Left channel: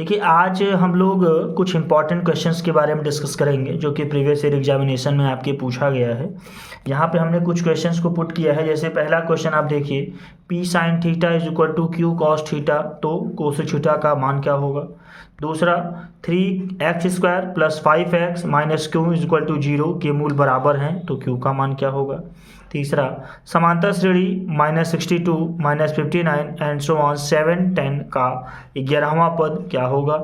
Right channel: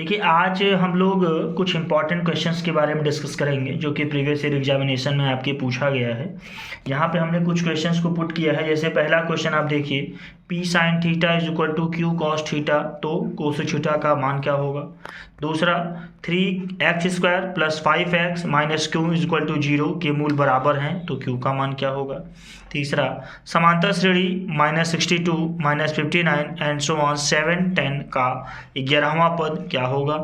देखिए, आज हम लोग कुछ इंपॉर्टेंट क्वेश्चंस के बारे में डिस्कस करेंगे जो कि प्रीवियस ईयर एग्जामिनेशन में आपके पूछा गया है। यहाँ पे हमने कुछ क्वेश्चंस को पुट किया है। जैसे पहला क्वेश्चन आप देखिए, P sine theta is equal to Q cos theta, तो कोस थीटा का मान क्या होगा। दूसरा, 3x² plus 5x minus Q is equal to 0 के मूल बराबर हैं, तो क्यू का मान क्या होगा। तीसरा, समांतर श्रेणी -62 -59 एंड सो ऑन 7 10 का 11वां पद क्या होगा।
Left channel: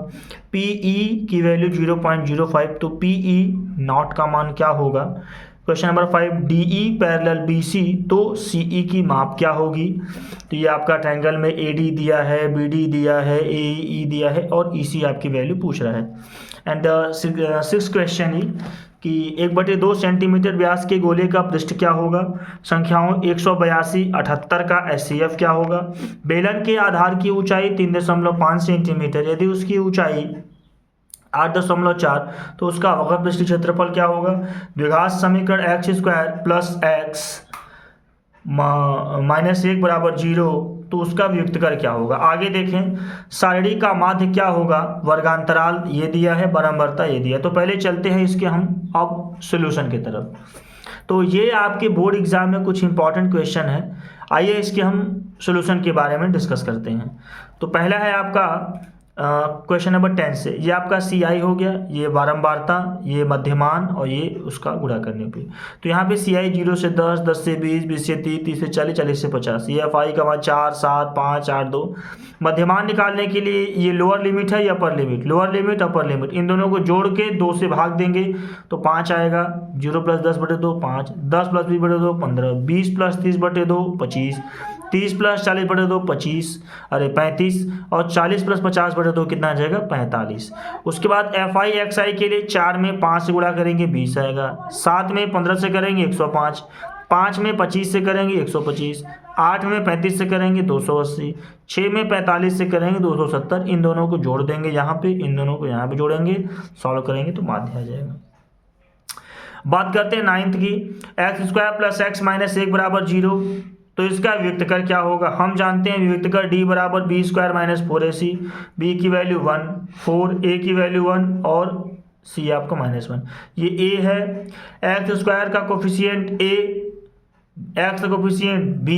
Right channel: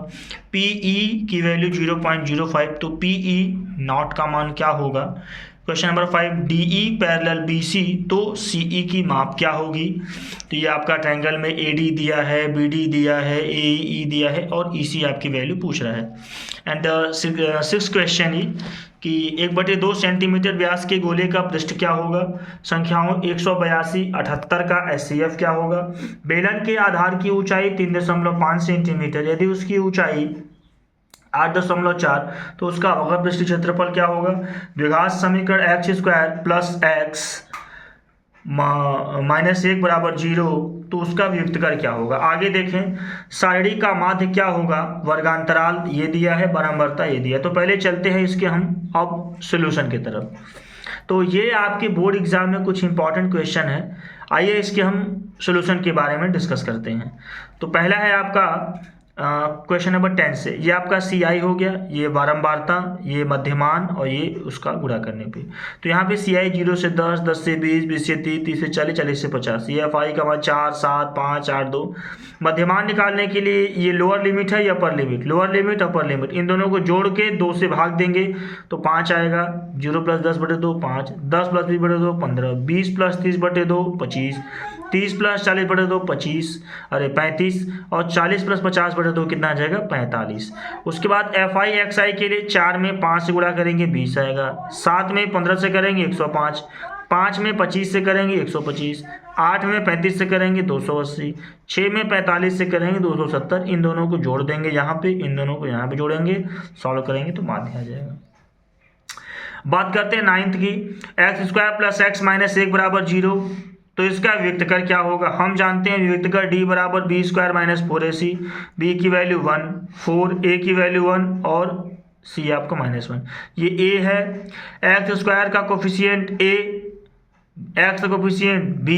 पीई की वैल्यू 0.05, तो पीई नॉट का मान क्या होगा। Question number 5, DE parallel BC, तो सीई की माप क्या होगी। तो ये आपका ट्रायंगल में एडी दिया है, बीडी दिया है, एई दिया है और ईसी आपकी वैल्यू पूछ रहा है। एंड द सिक्स क्वेश्चन ही कि 1/2 सेंटीमीटर व्यास के गोले का पृष्ठ क्या होगा। संख्याओं 182 78 का एचसीएफ क्या होगा। बेलन के आधार की ऊंचाई 3.5 सेंटीमीटर, यदि उसकी ऊंचाई 8.4 तो उसका अवकल पृष्ठ क्षेत्रफल क्या होगा। द्विघात समीकरण x² प्लस x -1 बराबर 0, तो उसका व्युत्तर क्या होगा। आगे देखें, सारणी का माध्य क्या होगा। वर्गांतराल ये दिया है, बारंबारता ये दिया है। तो पहले चलते हैं इसके हम अब सॉल्यूशन की तरफ। तो ये आपके बोर्ड एग्जाम में कुछ इंपॉर्टेंट क्वेश्चन है। आइए इसके हम सॉल्यूशन के बारे में डिस्कस करते हैं। तो पहला है आपका क्वेश्चन नंबर 10 से, ये आपका सी आई हो गया, ये बारंबारता, ये मध्यमान और ये उसका गुणा करने पे। तो यहाँ पे सी आई 0 से 10, 10 से 20, 20 से 30, 30 से 40, 40 से 50। ये एफ आई का मान 4 7 5 8 2। मध्यमान निकालने के लिए ये लोअर लिमिट है या upper limit, lower limit upper limit, इन दोनों को जोड़ के 2 से भाग देंगे तो 5 आएगा। 0 + 10/2 5, 10 + 20/2 15, 20 + 30/2 25, 30 + 40/2 25, अरे 35, और 40 + 50/2 कितना आ जाएगा 45। उसके बाद एफ आई एक्स आई के लिए 4 में 5 से गुणा करेंगे 20 आएगा, 7 में 15 से करेंगे 105, 5 में 25 से करेंगे 125, 8 में 35 से करेंगे 280, 6 में 45 से करेंगे 270। इन दोनों को जोड़ देंगे यहाँ पे, इन दोनों को यहाँ पे जोड़ेंगे, सॉल्व करेंगे तो माध्य आ जाएगा। बात करते हैं 9th की, x² प्लस x माइनस 1 बराबर 0, तो इसका विविक्तकर क्या होगा। हम जानते हैं विविक्तकर d बराबर b² माइनस 4ac, b की वैल्यू 1 4, a की वैल्यू 1 और c आपका -1। ये a है, x² का कोफिशिएंट a, x का कोफिशिएंट b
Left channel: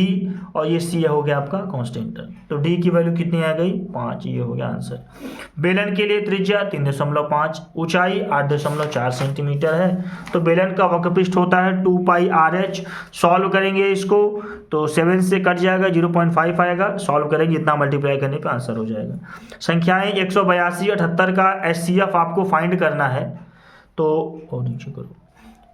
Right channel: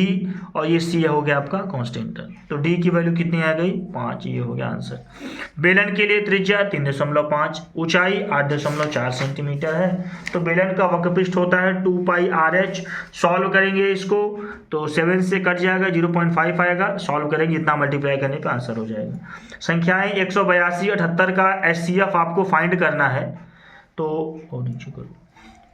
और ये c हो गया आपका कांस्टेंट। तो d की वैल्यू कितनी आ गई 5, ये हो गया आंसर। बेलन के लिए त्रिज्या 3.5, ऊंचाई 8.4 सेंटीमीटर है। तो बेलन का वक्रपृष्ठ होता है 2πRh। सॉल्व करेंगे इसको तो 7 से कट जाएगा, 0.5 आएगा। सॉल्व करेंगे, इतना मल्टीप्लाई करने पे आंसर हो जाएगा। संख्याएं 182 78 का एचसीएफ आपको फाइंड करना है। तो नीचे करो,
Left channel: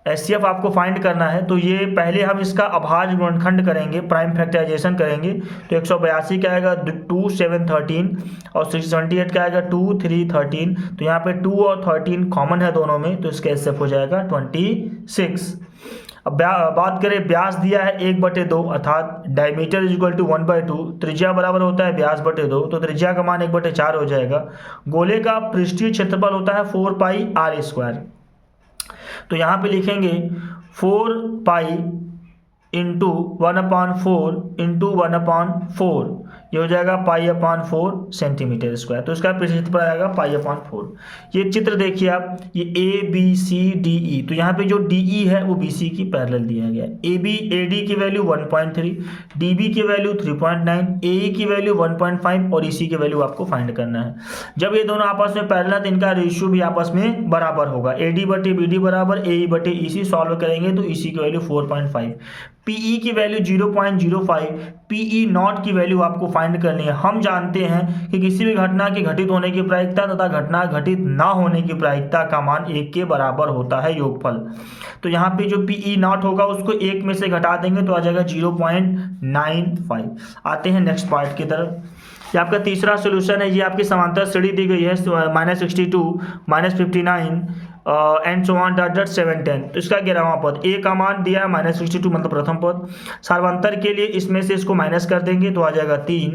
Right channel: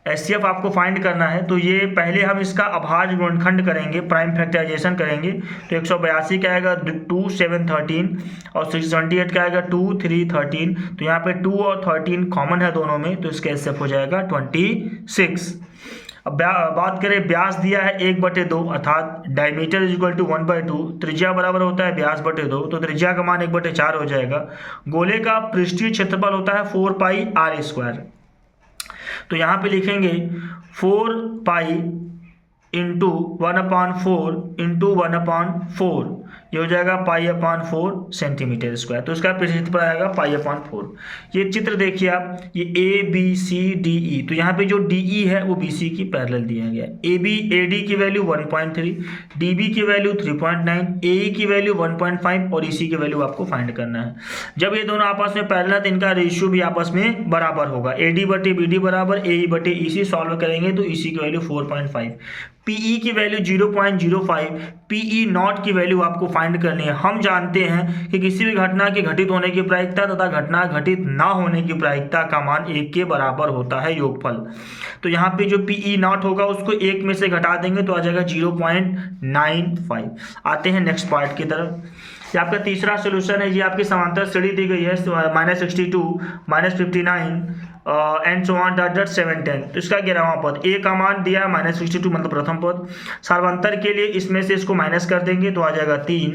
एचसीएफ आपको फाइंड करना है। तो ये पहले हम इसका अभाज्य गुणनखंड करेंगे, प्राइम फैक्टराइजेशन करेंगे। तो 182 का आएगा 2 7 13 और 628 का आएगा 2 3 13। तो यहाँ पे 2 और 13 कॉमन है दोनों में, तो इसका एचसीएफ हो जाएगा 26। अब बात करें, व्यास दिया है 1/2 अर्थात डायमीटर इज इक्वल टू 1/2, त्रिज्या बराबर होता है व्यास बटे 2, तो त्रिज्या का मान 1/4 हो जाएगा। गोले का पृष्ठीय क्षेत्रफल होता है 4πr²। तो यहाँ पे लिखेंगे 4π इंटू 1/4 इंटू 1/4, ये हो जाएगा π/4 सेंटीमीटर स्क्वायर। तो इसका क्षेत्रफल आएगा π/4। ये चित्र देखिए आप, ये A B C D E, तो यहाँ पे जो डी ई है वो बी सी की पैरेलल दिया गया है। ए बी ए डी की वैल्यू 1.3, डी बी की वैल्यू 3.9, ए ई की वैल्यू 1.5 और ई सी की वैल्यू आपको फाइंड करना है। जब ये दोनों आपस में पैरेलल तो इनका रेशियो भी आपस में बराबर होगा। ए डी बटे बी डी बराबर ए ई बटे ई सी। सॉल्व करेंगे तो ई सी की वैल्यू 4.5, पीई की वैल्यू 0.05, पीई नॉट की वैल्यू आपको फाइंड करनी है। हम जानते हैं कि किसी भी घटना के घटित होने की प्रायिकता तथा घटना घटित ना होने की प्रायिकता का मान 1 के बराबर होता है, योगफल। तो यहाँ पे जो पीई नॉट होगा उसको 1 में से घटा देंगे तो आ जाएगा 0.95। आते हैं नेक्स्ट पार्ट की तरफ। ये आपका तीसरा सोल्यूशन है। ये आपकी समांतर श्रेणी दी गई है -62 -59 एंड सो ऑन डॉट 7 10। तो इसका 11वां पद, ए का मान दिया है -62 मतलब प्रथम पद। सार्वंतर के लिए इसमें से इसको माइनस कर देंगे तो आ जाएगा 3,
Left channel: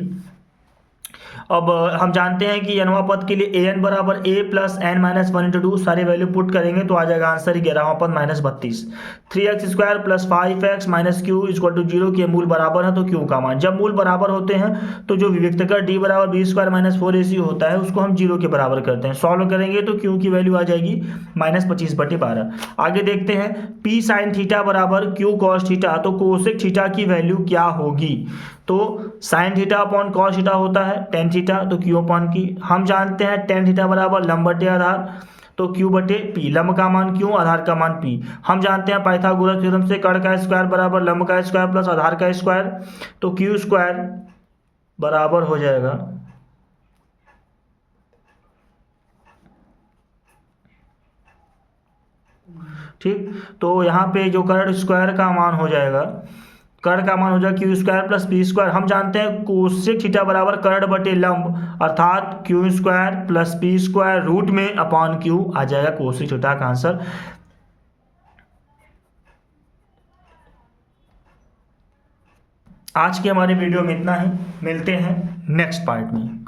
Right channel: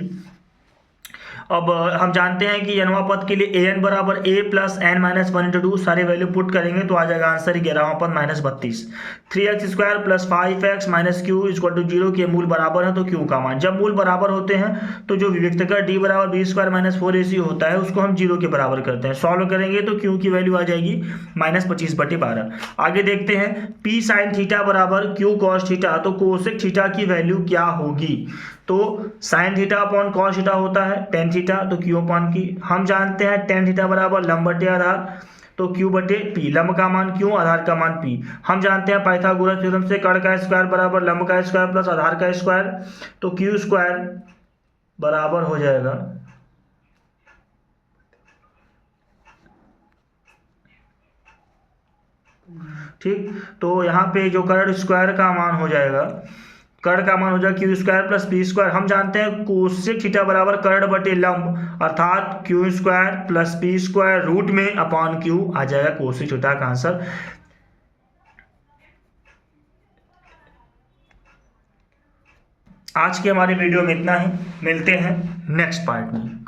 अब हम जानते हैं कि nवां पद के लिए an बराबर a plus N minus one into two, सारे वैल्यू पुट करेंगे तो आ जाएगा आंसर 11वां पद -32। 3x² plus 5x minus Q equal to 0 के मूल बराबर है तो क्यू का मान, जब मूल बराबर होते हैं तो जो विविक्तकर d बराबर b² माइनस 4ac होता है उसको हम 0 के बराबर करते हैं। सॉल्व करेंगे तो क्यू की वैल्यू आ जाएगी -25/12। आगे देखते हैं p साइन थीटा बराबर q कॉस थीटा, तो कोसेक थीटा की वैल्यू क्या होगी। तो sine theta upon cos theta होता है टेन थीटा, तो क्यू अपॉन की हम जानते हैं टेन थीटा बराबर लंब बटे आधार, तो क्यू बटे पी, लंब का मान क्यू, आधार का मान पी। हम जानते हैं पाइथागोरस थ्योरम से कर्ण का स्क्वायर बराबर लंब का स्क्वायर प्लस आधार का स्क्वायर, तो क्यू स्क्वायर बराबर हो जाएगा ठीक। तो यहाँ पे जो कर्ण स्क्वायर का मान हो जाएगा, कर्ण का मान हो जाएगा Q square plus P square. हम जानते हैं कोसेक थीटा बराबर कर्ण बटे लंब अर्थात Q square plus P square root में अपॉन क्यू आ जाएगा कोसेक थीटा का आंसर। आज के हमारे वीडियो में इतना ही, मिलते हैं नेक्स्ट पार्ट में।